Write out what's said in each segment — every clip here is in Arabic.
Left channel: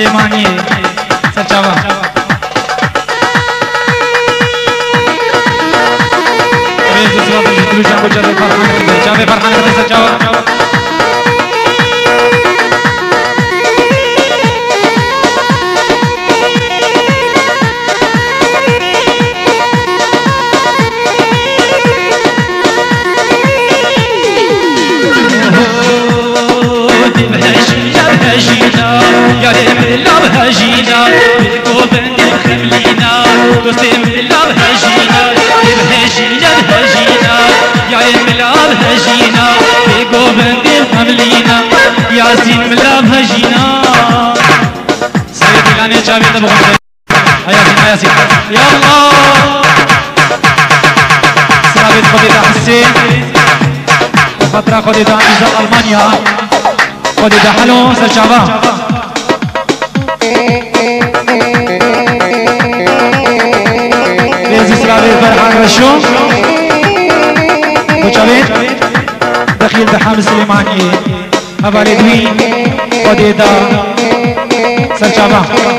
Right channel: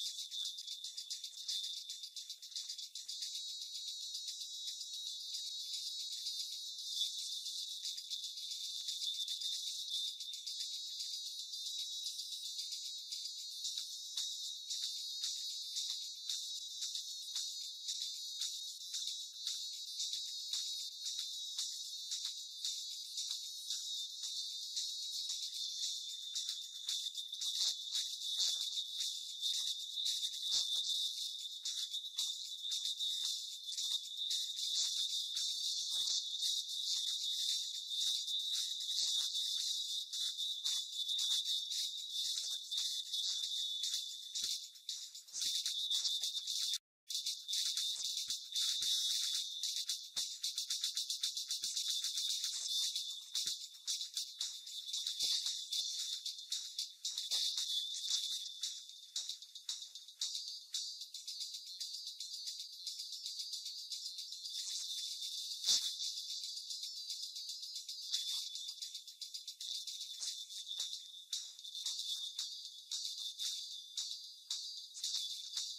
سليماني سرچاوا رئيس السلطة الجديد جابو جابو فرحان جابو فرحان سرچاوا ياسين ملاب هجينا سيدي الآن يا جابي تبغى يا ياسين يا الله سرابيت خديدا حسين فترة خديدا إزاء ألمانيا خديدا حلو سرشابا ريزي سرابيت فرحان رشو وجابيت دخيل دحام سليماني حوالی دوی خدیدا سرچاوا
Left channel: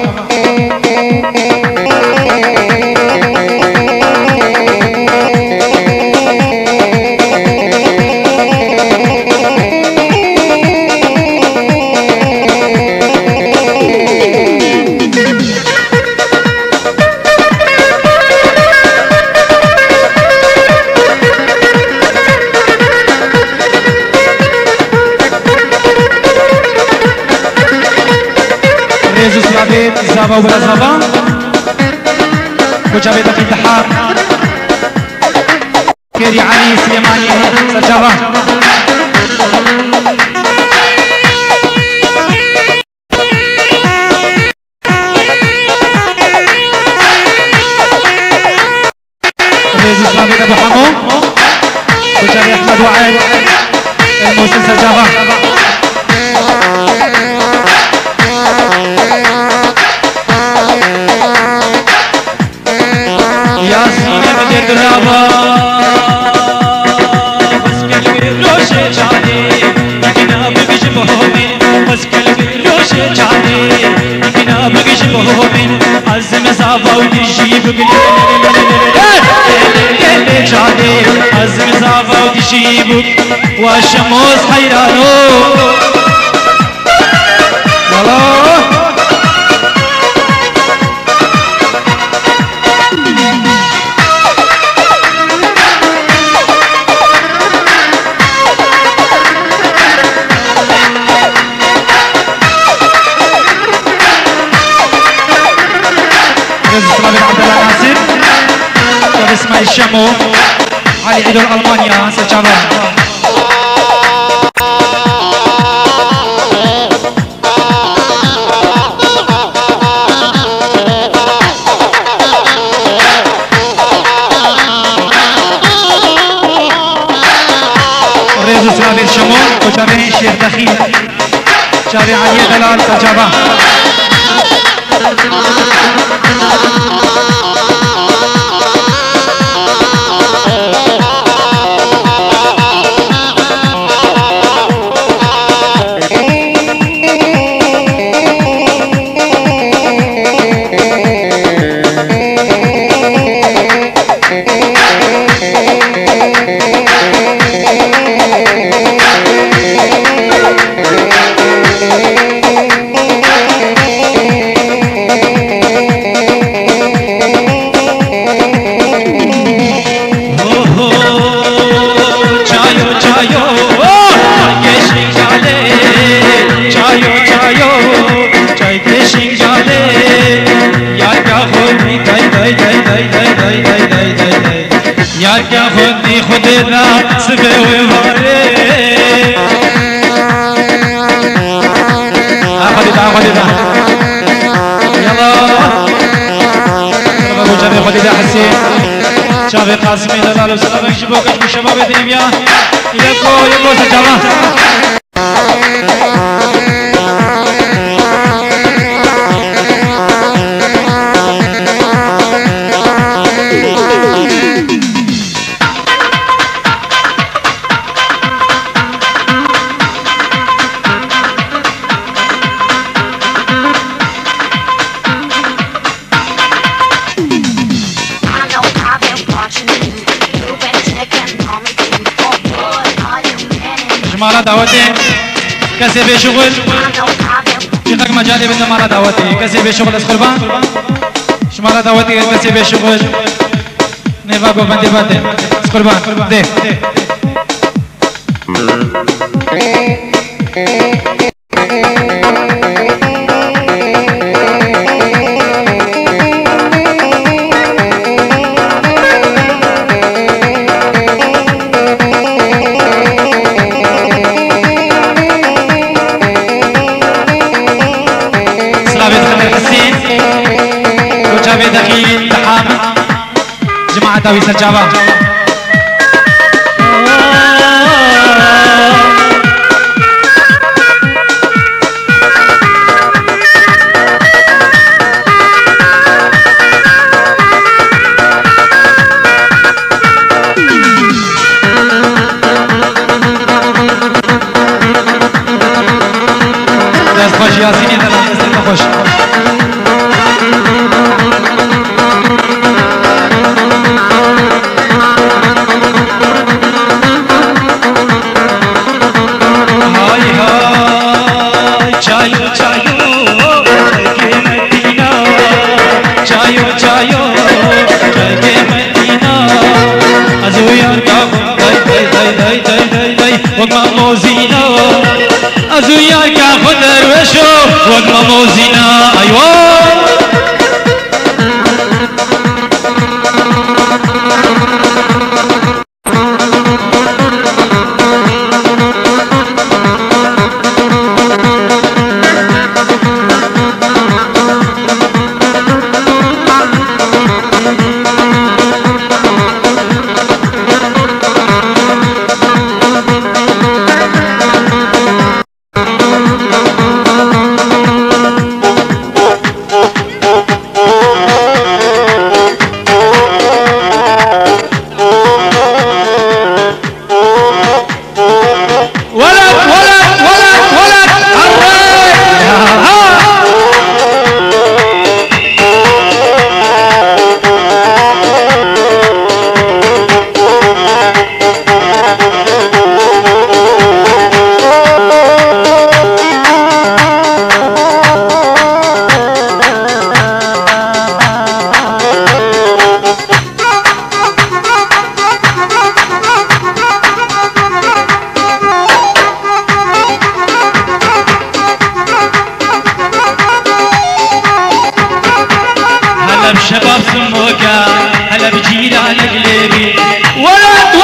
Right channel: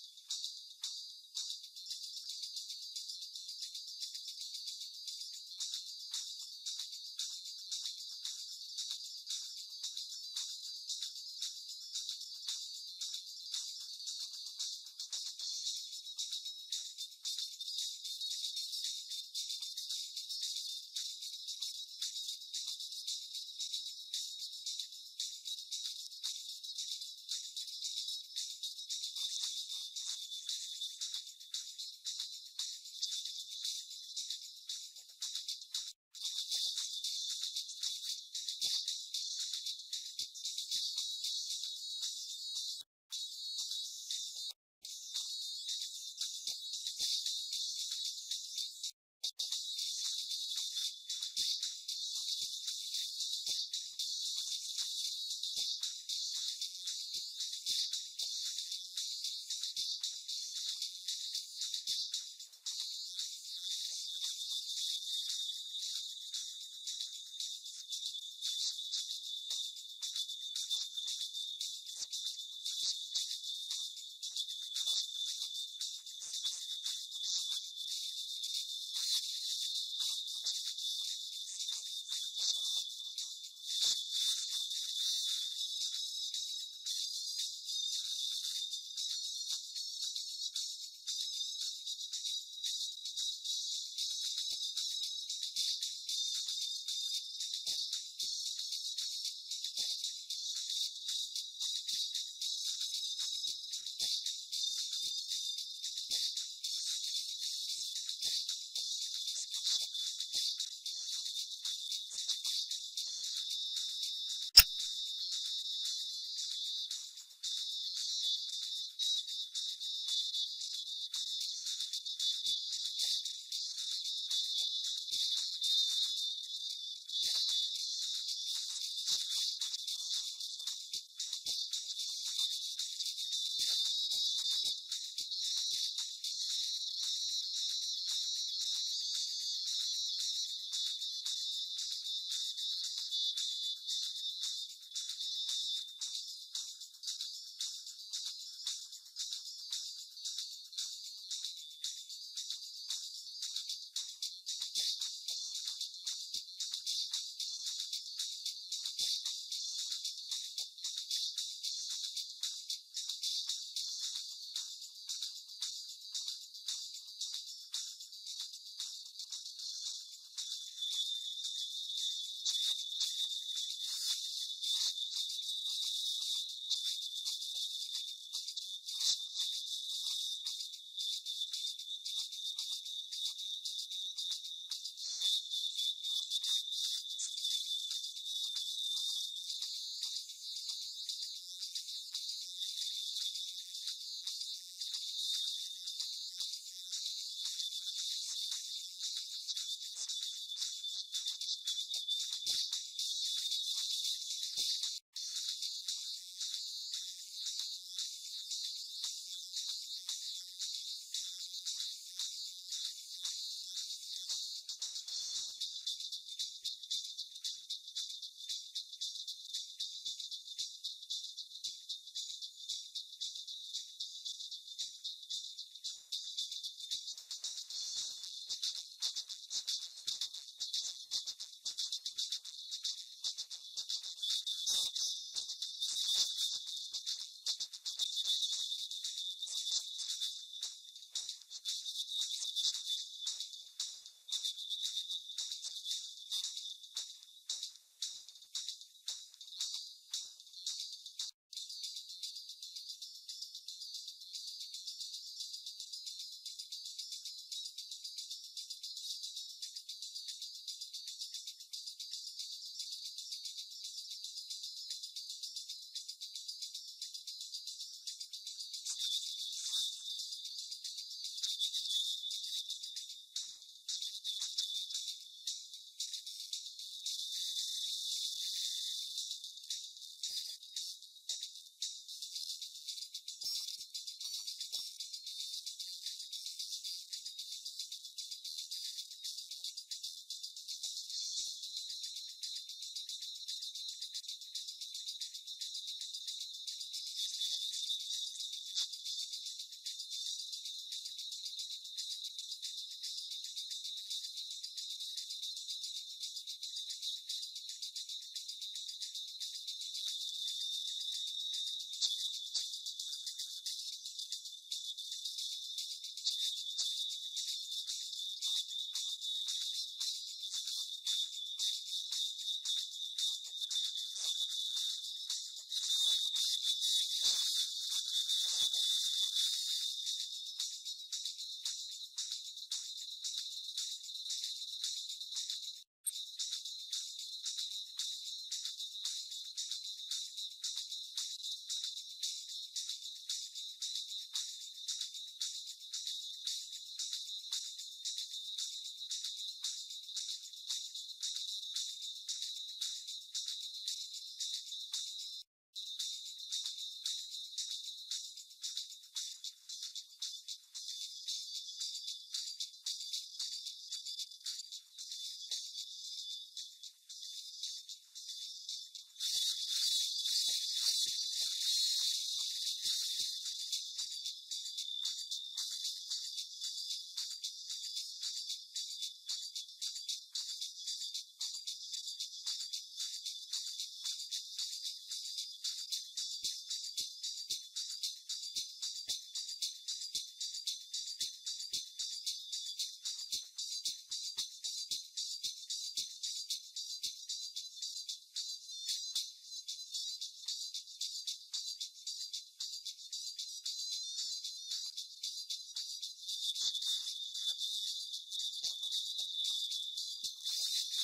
زابا ولا زابا وجابي دخيل دحار كيري علي سليماني سرجابا ريزي سلابي ابو حمو وجابي احمد وعيد الموسم سرجابا والشموس حيرانو والله اسماعيل الشمو علي عيد ألمانيا سرچاوا رئيس اسماعيل الشمو وجابي شيخ دخيل جابي علي دلال سرچاوا شباب قاسمی دلال و سلام شباب شباب دنیا یکو سجاوا شمارة دعوتي كسي بشغل شيخك مجالي بدنا مرة دعوتي كسي بشغل از قربان شمارة دعوتي كسي بشغل نيفا بو بندي بندي از قربان ده تاوي سجاوا دست خوش یاسینی دست خوش وقمة موزينة أيوة شباب سموكا هلا بجيران قلبي ولد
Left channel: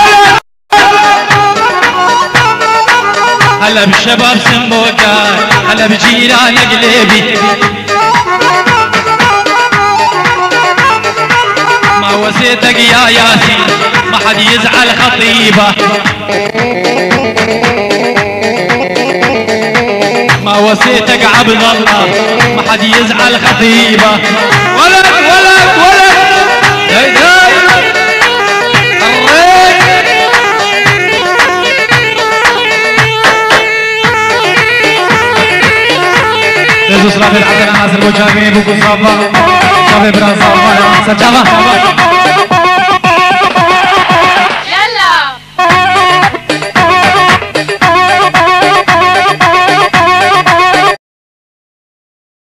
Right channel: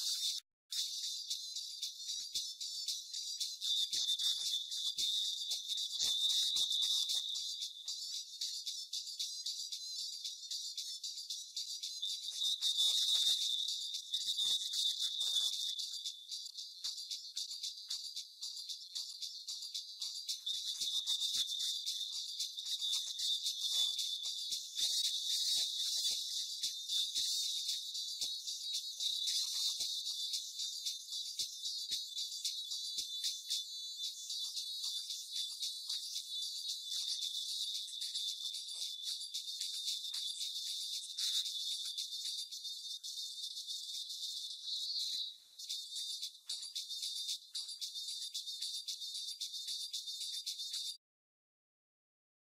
هلا بشباب سموكا هلا بجيران قلبي ما وسيتك يا ياسين ما حد يزعل خطيبه ما وسيتك عبد الله ما حد يزعل خطيبه ولد هي لزوس رافي العدل ناصر بوجابي بوكو صافا صافي بران صافا سجابا